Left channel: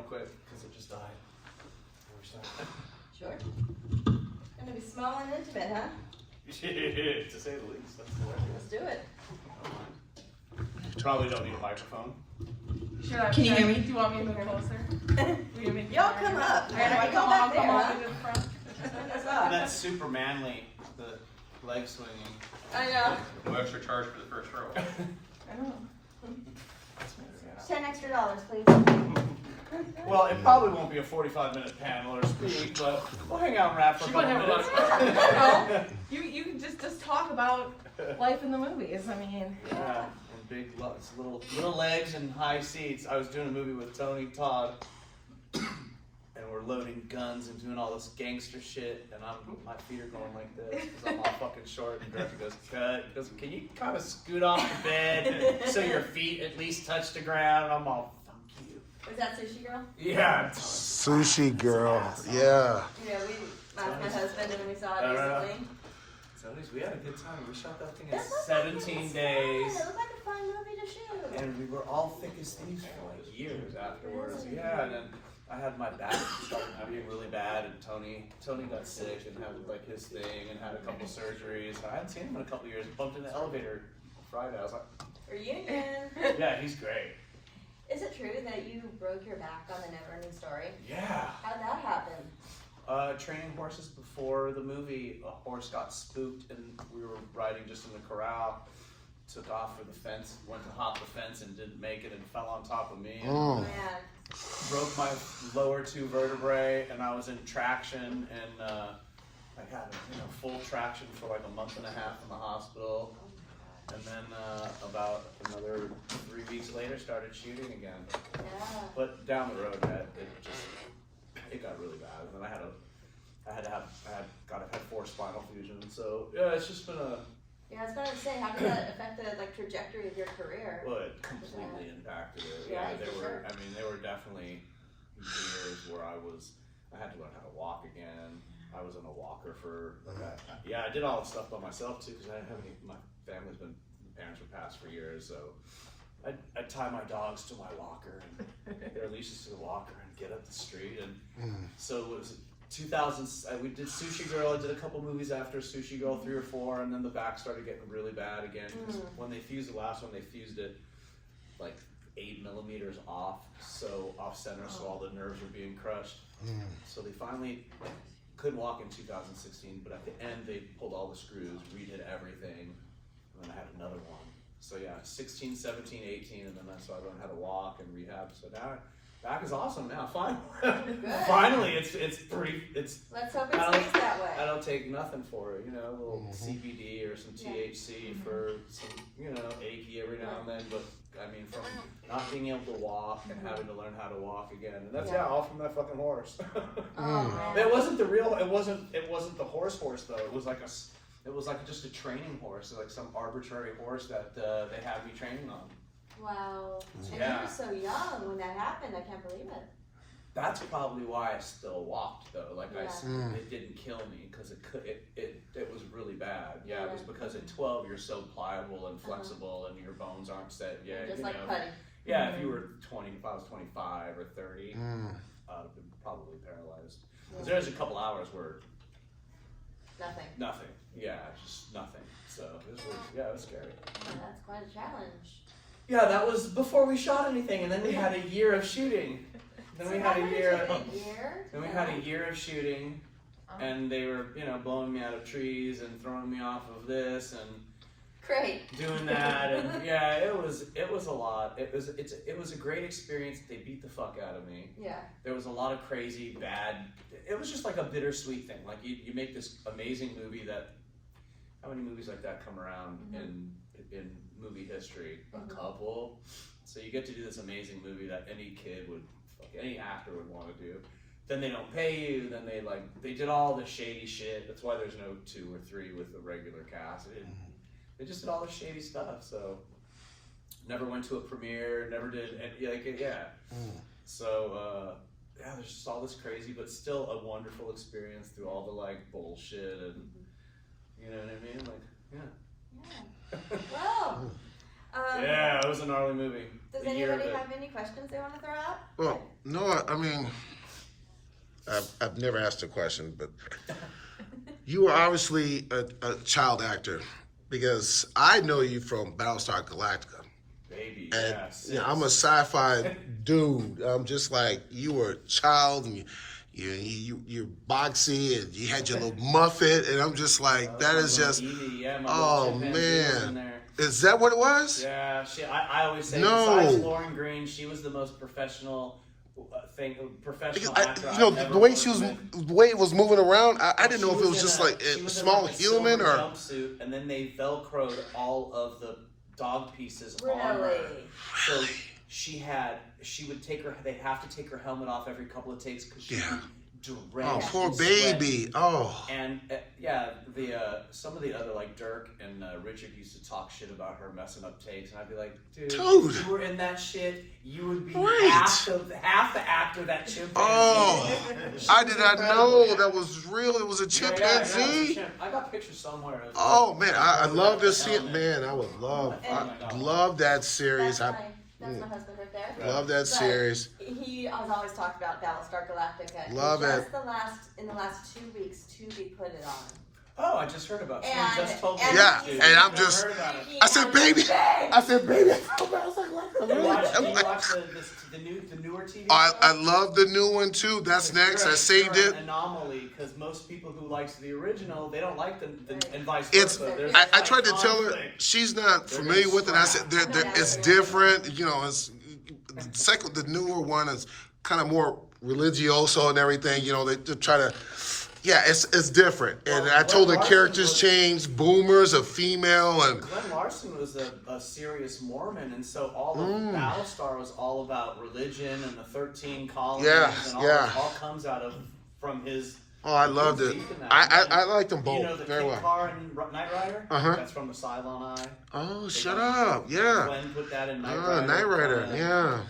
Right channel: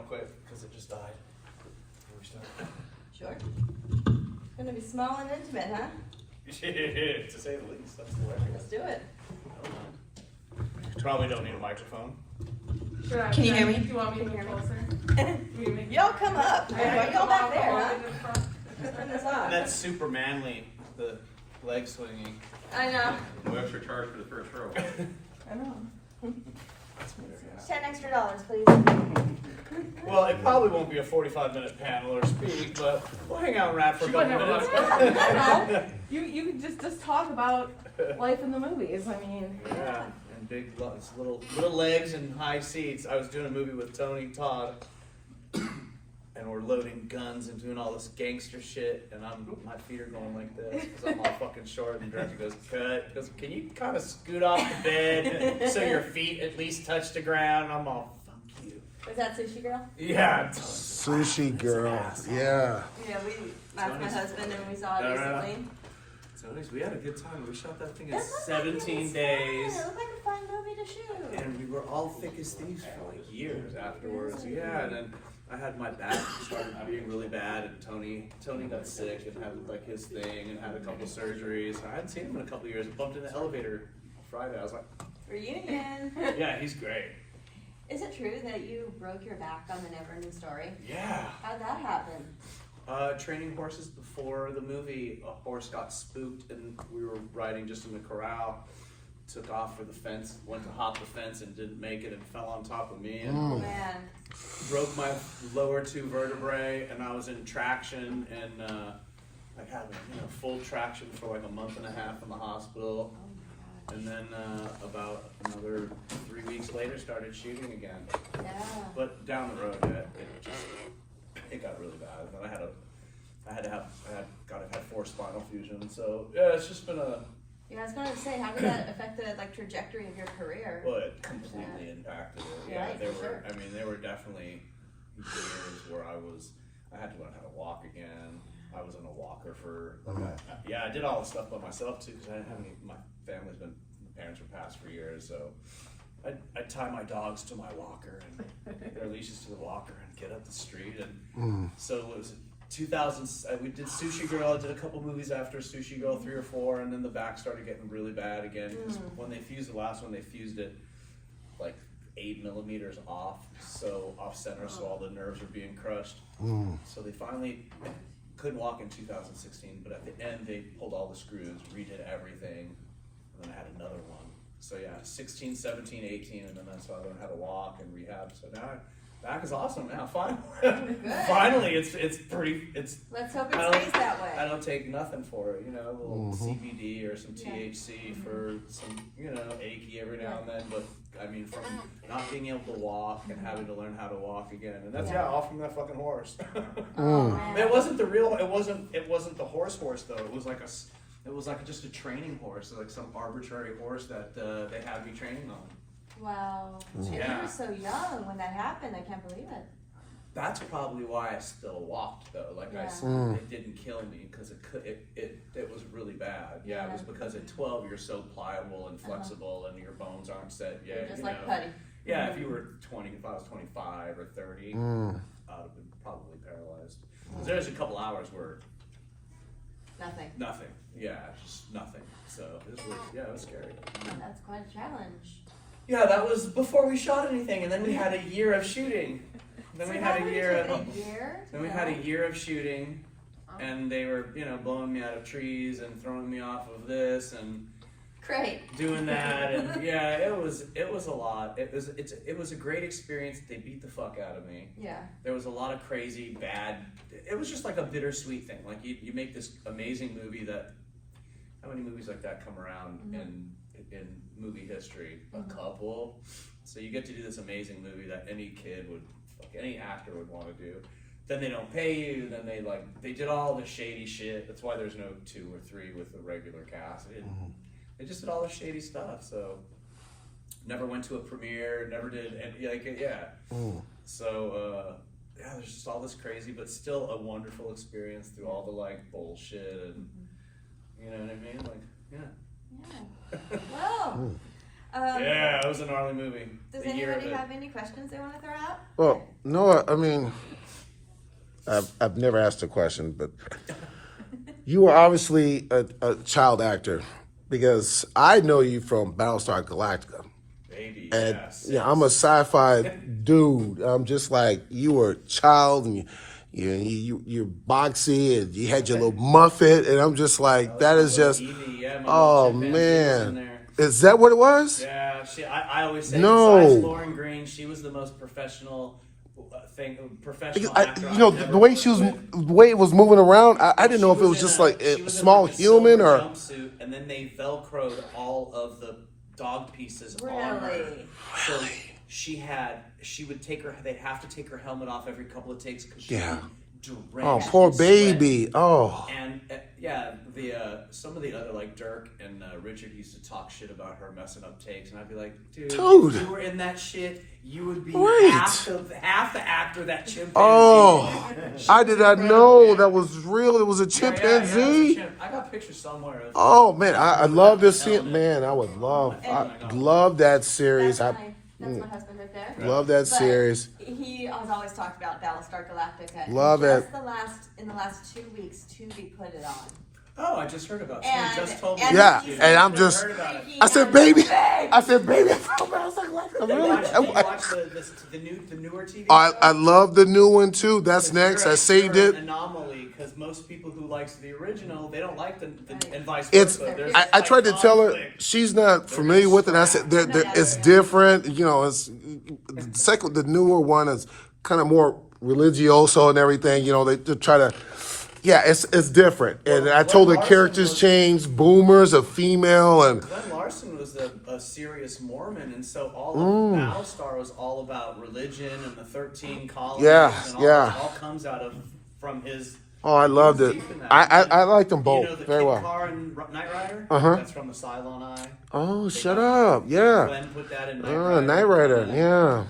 real quick because it just died. Before we start. Sure. Gonna be small and intimate, huh? To say the least, that's hilarious. Let's do it. Probably don't need a microphone. Can you hear me? Do you want me to move closer? Y'all come up. Why go back there, huh? And that's super manly, the leg swinging. I know. No extra charge for the first row. I know. $10 extra, please. Well, it probably won't be a 45-minute panel or speak, but we'll hang out around for a couple minutes. No, you can just talk about life in the movies. I mean, Yeah, and big little legs and high seats. I was doing a movie with Tony Todd, and we're loading guns and doing all this gangster shit, and my feet are going like this because I'm all fucking short. And the director goes, cut. He goes, can you kind of scoot off the bed so your feet at least touch the ground? I'm all, fuck you. Was that Sushi Girl? Yeah. Sushi Girl, yeah. Yeah, we asked my husband and we saw it recently. So anyways, we had a good time. We shot that thing in That looked 17 days. It looked like a fun movie to shoot. And we were all thick as thieves for like years afterwards. Yeah, and then I had my back started being really bad, and Tony got sick and had like his thing and had a couple surgeries. I hadn't seen him in a couple years. I bumped in the elevator Friday. I was like, Reunion. yeah, he's great. Is it true that you broke your back on the Neverending Story? Yeah. How'd that happen? Training horses before the movie, a horse got spooked and we were riding just in the corral. Took off for the fence, went to hop the fence and didn't make it and fell on top of me. And Man. broke my lower 2 vertebrae, and I was in traction, and I had full traction for like a month and a half in the hospital, and then about another 3 weeks later started shooting again. Yeah. But down the road, it got really bad, and then I had 4 spinal fusions. So yeah, it's just been Yeah, I was gonna say, how did that affect the trajectory of your career? Well, it completely impacted it. Yeah, Right, there for were. sure. I mean, there were definitely years where I had to learn how to walk again. I was in a walker for. I did all the stuff by myself too because I didn't have any. My parents were passed for years, so I'd tie my dogs to my walker and their leashes to the walker and get up the street. And so it was 2000. We did Sushi Girl. I did a couple movies after Sushi Girl, 3 or 4, and then the back started getting really bad again. Because when they fused the last one, they fused it like 8 millimeters off center, so all the nerves were being crushed. So they finally couldn't walk in 2016, but at the end they pulled all the screws, redid everything, and then I had another one. So yeah, 16, 17, 18, and then so I learned how to walk and rehab. So now back is awesome now. Finally, it's pretty. Let's hope it stays that way. I don't take nothing for it, a little CBD or some THC for some, achy every now and then. But I mean, from not being able to walk and having to learn how to walk again, and that's all from that fucking horse. It wasn't the real. It wasn't the horse though. It was like just a training horse, like some arbitrary horse that they had me training on. Wow. And you were so young when that happened. I can't believe it. That's probably why I still walked though. Like it didn't kill me because it was really bad. Yeah, it was because at 12 you're so pliable and flexible and your bones aren't set yet. Just like putty. Yeah, if you were 20, if I was 25 or 30, I'd have been probably paralyzed. Because there's a couple hours where nothing. Yeah, just nothing. So it was scary. Oh, that's quite a challenge. Yeah, that was before we shot anything, and then we had a year of shooting. Then we had a year. Then we had a year of shooting, and they were, blowing me out of trees and throwing me off of this and doing that, and yeah, it was a lot. It was a great experience. They beat the fuck out of me. Yeah. There was a lot of crazy bad. It was just like a bittersweet thing. Like you make this amazing movie that. How many movies like that come around in movie history? A couple. So you get to do this amazing movie that any kid would, any actor would want to do. Then they don't pay you. Then they did all the shady shit. That's why there's no 2 or 3 with the regular cast. They just did all the shady stuff. So never went to a premiere. Never did So there's just all this crazy, but still a wonderful experience through all the bullshit and. You know what I mean? Yeah. Well, Yeah, it was a gnarly movie. Does The year anybody that- have any questions they want to throw out? Well, no, I mean, I've never asked a question, but you are obviously a child actor because I know you from Battlestar Galactica. Baby, And yes. yeah, I'm a sci-fi dude. I'm just like you were a child and you're boxy and you had your little muffet and I'm just like that is just oh man. Is that what it was? Yeah, I always say No. besides Lauren Green, she was the most professional actor You know, I've ever the way worked she was, with. the way it was moving around, I didn't know if it was just like she a was in small like a human silver or. jumpsuit, and then they velcroed all of the dog pieces on her. Really? So she would take her. They'd have to take her helmet off every couple of takes because she Yeah. would Oh, drenched poor in sweat. baby. Oh. And some of the other like Dirk and Richard used to talk shit about her messing up takes, and I'd be like, dude, if you were in that shit, you would be half the actor that chimpanzee. Oh, I did not know man. that was real. It was a Yeah, chimpanzee. I got pictures somewhere. Oh man, I love this scene. Helmet. Man, I would love, And- I love that series. That's my husband right there. Love that But series. he has always talked about Battlestar Galactica. And Love just it. in the last 2 weeks, Tubi put it on. Oh, I just heard about it. And- Someone just told me. and Yeah, he- and I'm Never just. heard about it. I said, baby. Babe. I said, baby. I was like, what? Do you Really? watch the newer TV I shows? love the new one too. That's next. I saved You're an it. anomaly because most people who likes the original, they don't like the and vice It's. versa. There's I like tried to tell her conflict. she's not They're familiar gonna with it. I said it's different. You know, it's the newer one is kind of more religioso and everything. You know, they try to. Yeah, it's different. And Well, I told Glenn the Larson characters was- changed. Boomers, a female, and Glenn Larson was a serious Mormon, and so all of Battlestar was all about religion and the 13 colonies, Yeah, and all, yeah. it all comes out of from his. oh, I loved it. deep in that. I liked them both You know the very Kid well. Car and Knight Rider? Uh-huh. That's from the Cylon Eye. Oh, They shut got- up! Yeah, Glenn put that in Knight Rider. Knight Rider. Yeah.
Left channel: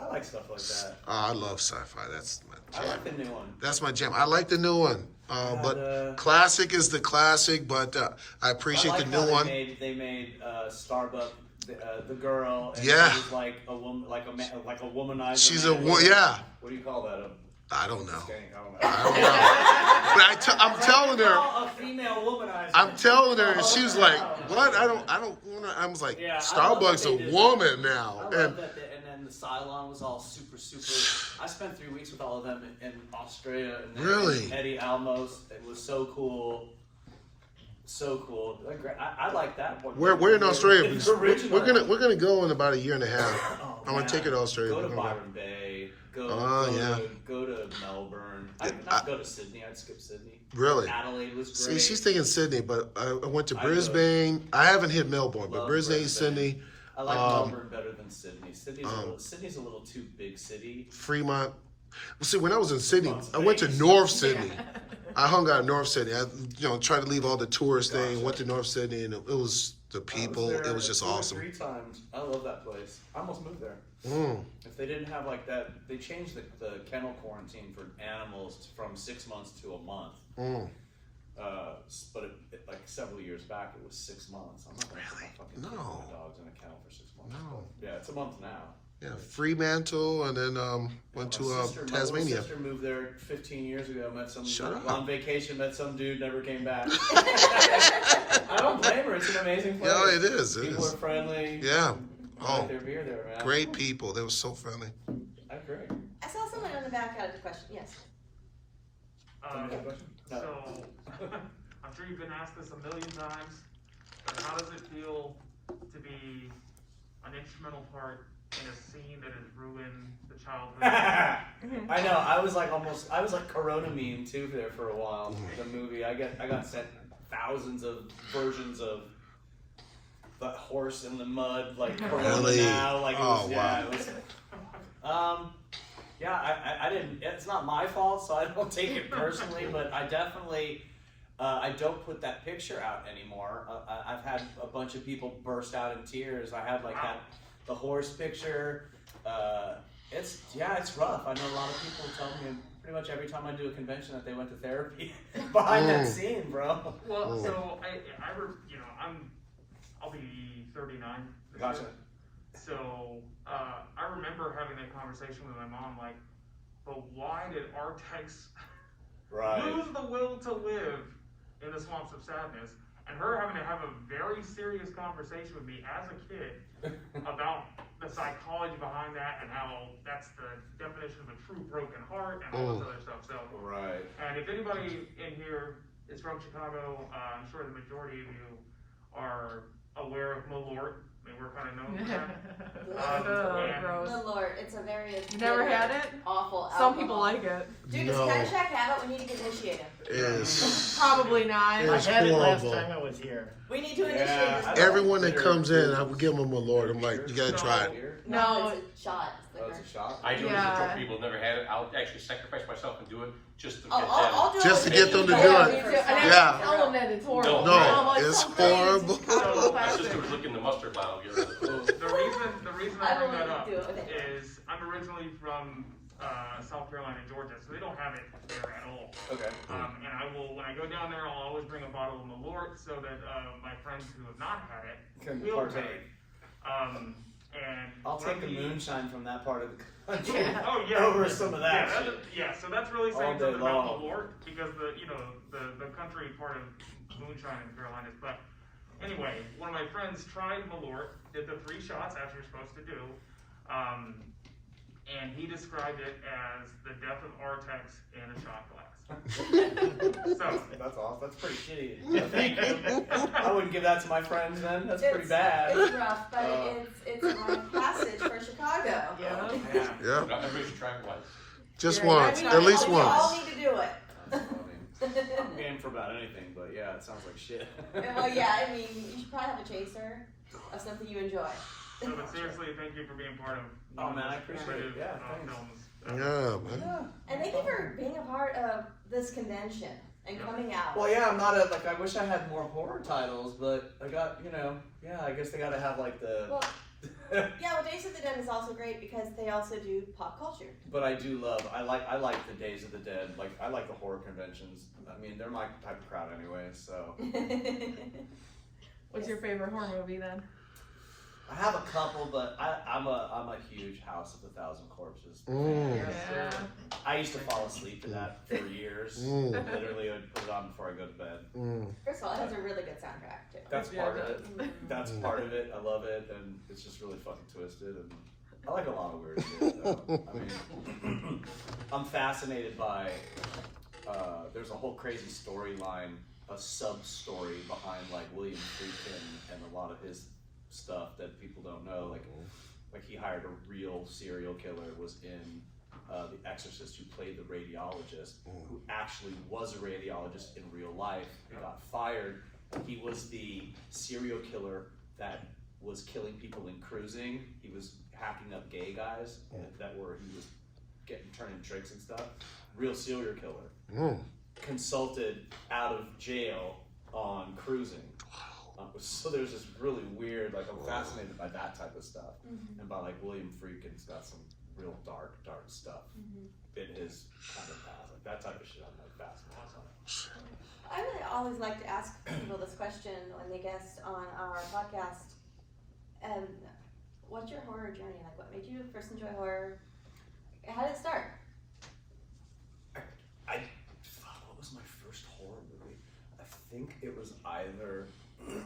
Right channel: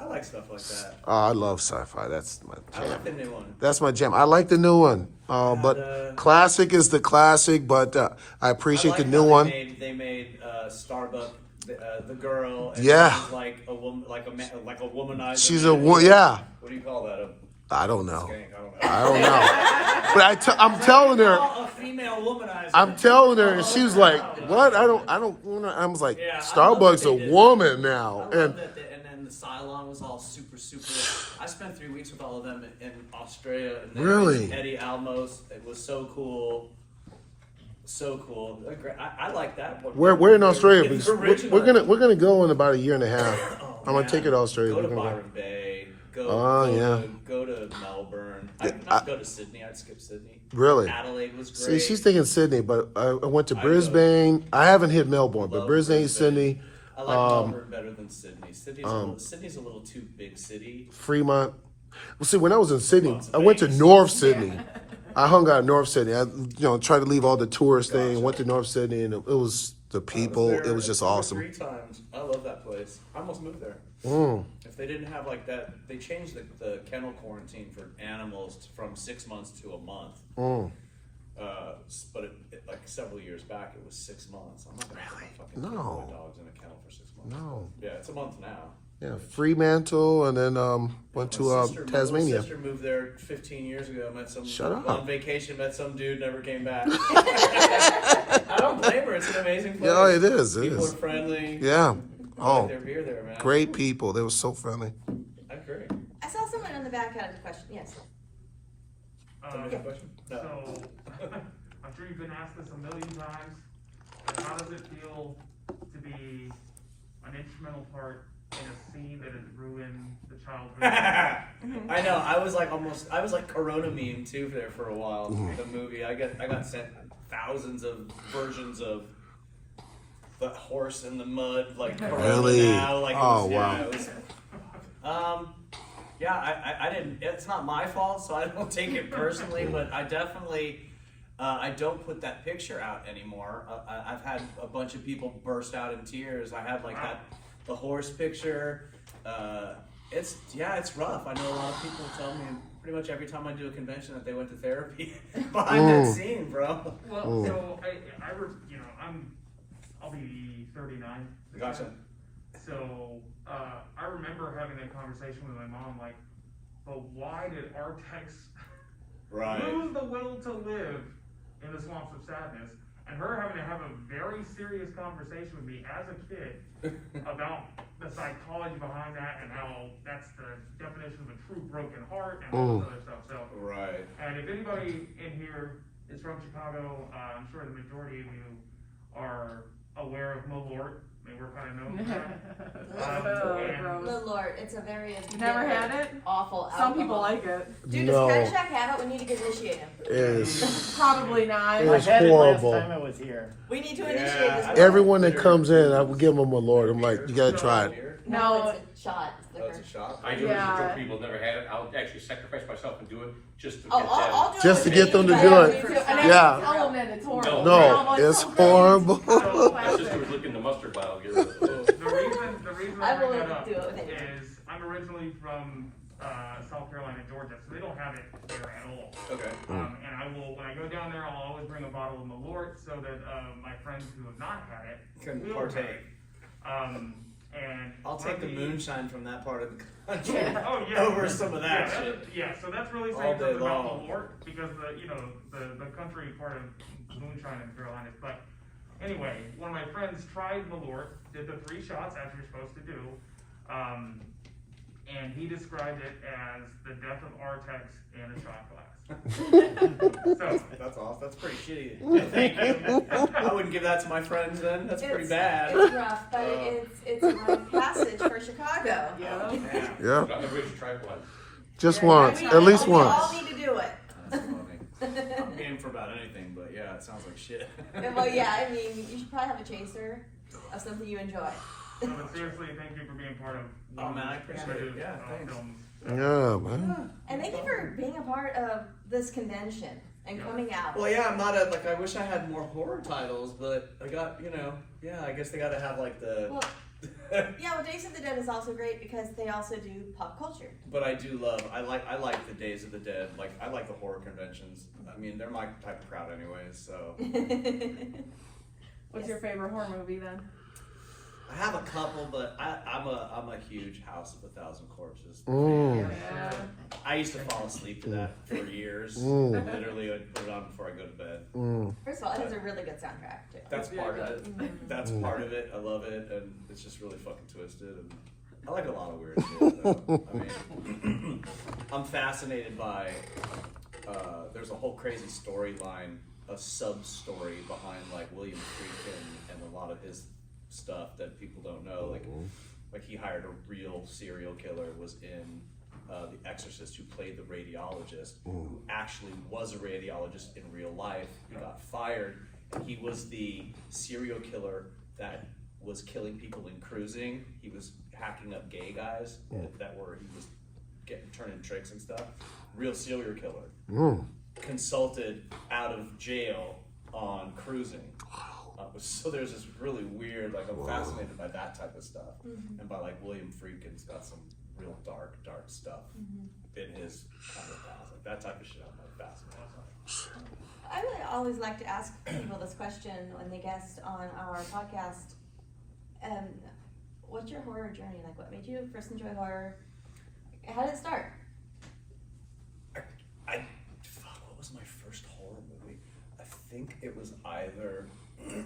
I like stuff like that. Oh, I love sci-fi. That's my I like jam. the new one. That's my jam. I like the new one. But classic is the classic. But I appreciate I like the new how one. They made Starbuck the girl. And Yeah. She was like a woman, like a womanizer. She's man. a woman. Yeah. What do you call that? I don't know. Skank? I don't know. I don't know. But I'm telling her. A female womanizer. I'm telling her, and she's like, "What? I don't. I was like, Yeah, I love Starbucks that a they did woman that. now." I love And that. And then the Cylon was all super. I spent 3 weeks with all of them in Australia. And Really? Eddie Almos. It was so cool. So cool. I like that one. we're in Australia. It's We're original. we're gonna go in about a year and a half. Oh, I'm gonna man. take her to Australia. Go to We're gonna go. Byron Bay. Go to Melbourne. I'd not go to Sydney. I'd skip Sydney. Really? Adelaide was See, great. she's thinking Sydney, but I went to I'd Brisbane. I haven't hit Melbourne, but Love Brisbane, Brisbane. Sydney, I like Melbourne better than Sydney. Sydney's a little too big city. Fremont. Well, see, when I was in Sydney, Las I went to Vegas. North Sydney. I hung out in North Sydney. I, tried to leave all the tourist thing and went to North Sydney, and it was the people. It was just awesome. 3 times. I love that place. I almost moved there. If they didn't have like that, they changed the kennel quarantine for animals from 6 months to a month. But like several years back, it was 6 months. I'm not gonna put my fucking No. my dogs in a kennel for 6 months. No. Yeah, it's a month now. Yeah, Fremantle, and then went to My little Tasmania. sister moved there 15 years ago. Met some Shut up. on vacation. Met some dude. Never came back. I don't blame her. It's an amazing place. Yeah, it is. It People is. are friendly. Yeah. I Oh, like their beer there, man. great people. They were so friendly. I agree. I saw someone in the back had a question. Yes. Somebody have a question? No. So, I'm sure you've been asked this a million times, but how does it feel to be an instrumental part in a scene that has ruined the childhood? I know. I was like Corona meme too there for a while. The movie. I got sent thousands of versions of the horse in the mud, like Corona Really? now. Like it was, Oh, yeah, wow. it was. I didn't. It's not my fault, so I don't take it personally. But I definitely. I don't put that picture out anymore. I've had a bunch of people burst out in tears. I had like the horse picture. It's rough. I know a lot of people tell me pretty much every time I do a convention that they went to therapy behind that scene, bro. Well, so I'm a I'll be 39 this Gotcha. year. So I remember having that conversation with my mom, like, but why did our techs Right. lose the will to live in the swamps of sadness? And her having to have a very serious conversation with me as a kid about the psychology behind that and how that's the definition of a true broken heart and all this other stuff. So, Right. and if anybody in here is from Chicago, I'm sure the majority of you are aware of Malort. I mean, we're kind of known for that. Oh, gross. Good Lord, it's a very You never bitter, had it? awful Some alcohol. people like it. Dude, No. does Crash have it? We need to initiate him. Is Probably not. I It's had horrible. it last time I was here. We need to Yeah, initiate this. I- boy. everyone that comes in, I would give them a Lord. I'm like, you gotta try it. Beer? No. It's a shot. It's Oh, it's liquor. a shot. I do it Yeah. for people who've never had it. I'll actually sacrifice myself and do it just to Oh, get I'll them. do Just it to get them to with do you. it. Me too. Yeah. Tell them that it's horrible. No, I'm like, it's so great. horrible. Oh, My sister classic. was looking the mustard bottle. I'll get rid of it. The reason I I bring will that up do it with it. is I'm originally from South Carolina, Georgia, so they don't have it there at all. Okay. And I will, when I go down there, I'll always bring a bottle of Malort so that my friends who have not had it Can will have partake. it. And I'll one take of the moonshine from that part of the country Oh yeah. over some of that yeah, shit. yeah, so that's really All saying day something about long. Malort because the country part of moonshine in Carolinas. But anyway, one of my friends tried Malort, did the 3 shots as you're supposed to do, and he described it as the death of Artex in a shot glass. So That's awesome. That's pretty shitty. Thank you. I wouldn't give that to my friends then. That's pretty bad. It's rough, but it's a rite of passage for Chicago. Yeah. Yeah. Yeah, Everybody should try it once. just Yeah, once, yeah, at least We all once. need to do it. That's funny. I'm game for about anything, but yeah, it sounds like shit. Well, yeah, I mean, you should probably have a chaser of something you enjoy. So, but seriously, thank you for being part of Oh, one of man, I the appreciate it. creative, Yeah, thanks. films. Yeah, man. And thank you for being a part of this convention and coming out. Well, yeah, I'm not a, like, I wish I had more horror titles, but I got, yeah, I guess they gotta have, like, the, Well, yeah, well, Days of the Dead is also great because they also do pop culture. but I do love, I like the Days of the Dead, like, I like the horror conventions. I mean, they're my type of crowd anyway, so. What's your favorite horror movie then? I have a couple, but I'm a huge House of a Thousand Corpses. Mm. Yeah. I used to fall asleep to that for years. Mm. Literally, I'd put it on before I go to bed. Mm. First of all, it has a really good soundtrack too. That's Yeah, part it of it. That's part of it. I love it, and it's just really fucking twisted. And I like a lot of weird shit. Though. I mean, I'm fascinated by. There's a whole crazy storyline, a sub story behind like William Friedkin and a lot of his stuff that people don't know. Like he hired a real serial killer, was in The Exorcist, who played the radiologist, who actually was a radiologist in real life. He got fired. He was the serial killer that was killing people in cruising. He was hacking up gay guys that were, he was turning tricks and stuff. Real serial killer. Mm. Consulted out of jail on cruising. So there's this really weird, like I'm fascinated by that type of stuff. And by like William Friedkin's got some real dark stuff in his kind of past. Like that type of shit I'm like fascinated by. I really always like to ask people this question when they guest on our podcast. What's your horror journey? Like, what made you first enjoy horror? How did it start? What was my first horror movie? I think it was either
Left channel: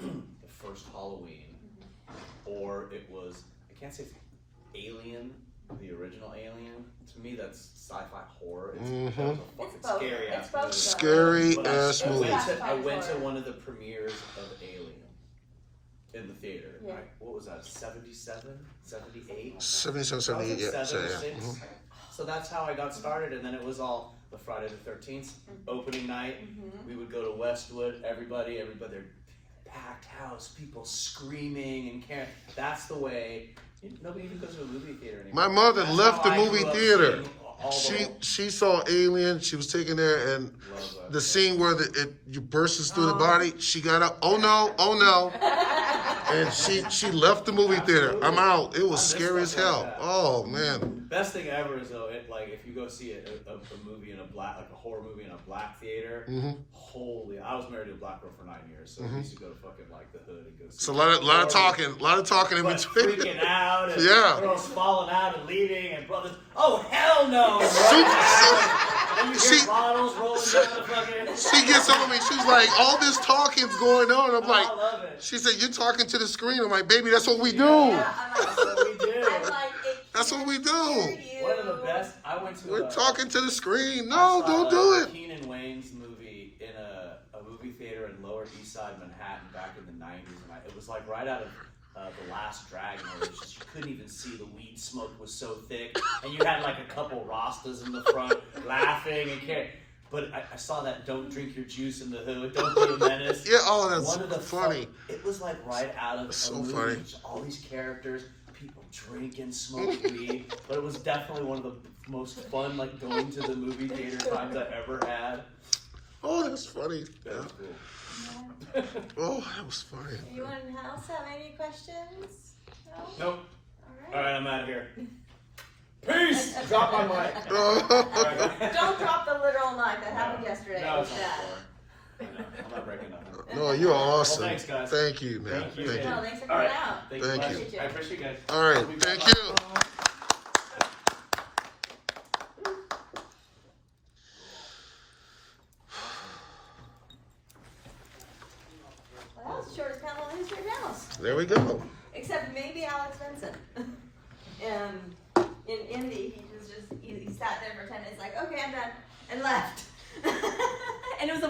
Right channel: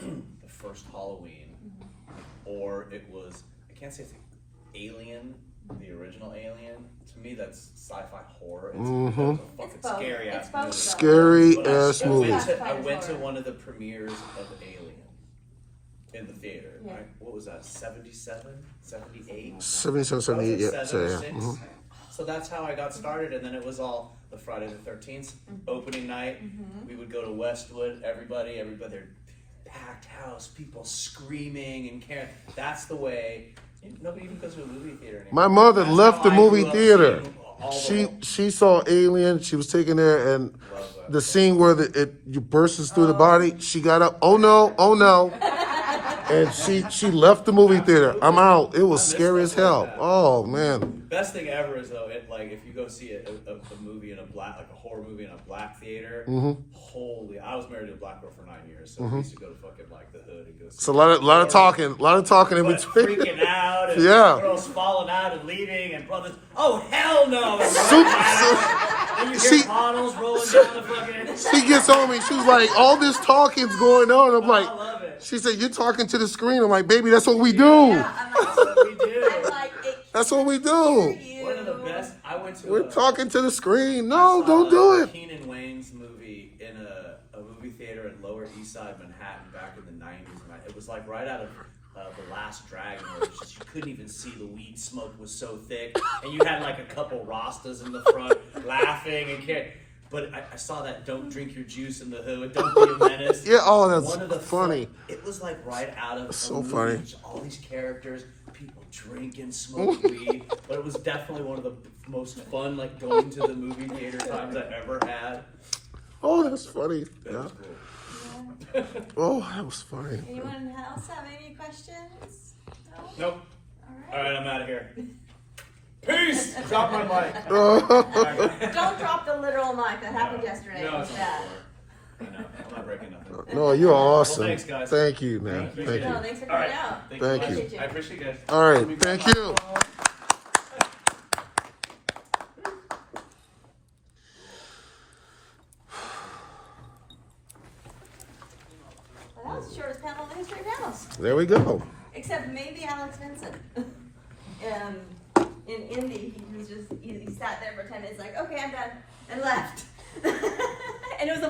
the first Halloween or it was, I can't say it's Alien, the original Alien. To me, that's sci-fi horror. It's, that was a fucking both. scary It's ass both, movie. Scary But ass I movie. went to one of the premieres of Alien in the theater. Yeah. What was that, 77, 78? 77, So I was 78, like yeah. 7 or So, 6. yeah. Mhm. So that's how I got started, and then it was all the Friday the 13th opening night. We would go to Westwood, everybody, packed house, people screaming and caring. That's the way. Nobody even goes to a movie theater anymore. My mother That's left how the I movie grew up theater. seeing all the- She saw Alien. She was taken there, and Love that. the scene where you bursts through the body. She got up. Oh no! Oh no! and she left the movie theater. I'm out. It was I miss scary as stuff hell. like that. Oh man. Best thing ever is though, if you go see a movie in a black, like a horror movie in a black theater. Holy! I was married to a black girl for 9 years, so we used to go to fucking like the hood and go. See It's a lot of talking in but between. freaking out, and Yeah. girls falling out and leaving, and brothers, oh hell no! And Super- running out, and you hear She- bottles rolling down the fucking. She gets on me. She's like, all this talking's going on. I'm like, I love it. she said, you're talking to the screen. I'm like, baby, that's what we do. Yeah, I'm like, That's what we do. I'm like, it That's what we can't do. hear you. One of the best. I went to. We're talking to the screen. I No, saw don't do it. Keenan Wayne's movie in a movie theater in Lower East Side Manhattan back in the 90s, and it was like right out of The Last Dragon, where it was just you couldn't even see the weed smoke was so thick, and you had like a couple Rastas in the front laughing and caring. But I saw that "Don't drink your juice in the hood, don't be a menace." Yeah, oh, that's One of the funny. It was like right out of That's a so movie. funny. Just all these characters, people drinking, smoking weed. But it was definitely one of the most fun, like going to the movie theater times I've ever had. Oh, that's funny. That Yeah. was cool. Yeah. Oh, that was funny. Anyone else have any questions? No? Nope. All All right. right, I'm out of here. Peace. Drop my mic. Don't drop the literal mic. That happened yesterday. No, It it's was on the bad. floor. I know. I'm not breaking nothing. No, you're awesome. Well, thanks, guys. Thank you, man. Thank you. Thank No, you. thanks for All coming right. out. Thank Thank you. you. Guys. I appreciate you guys. All right, thank you. Well, that was the shortest panel in the history of panels. There we go. Except maybe Alex Benson. In Indy, he sat there for 10 minutes like, okay, I'm done, and left. And it was a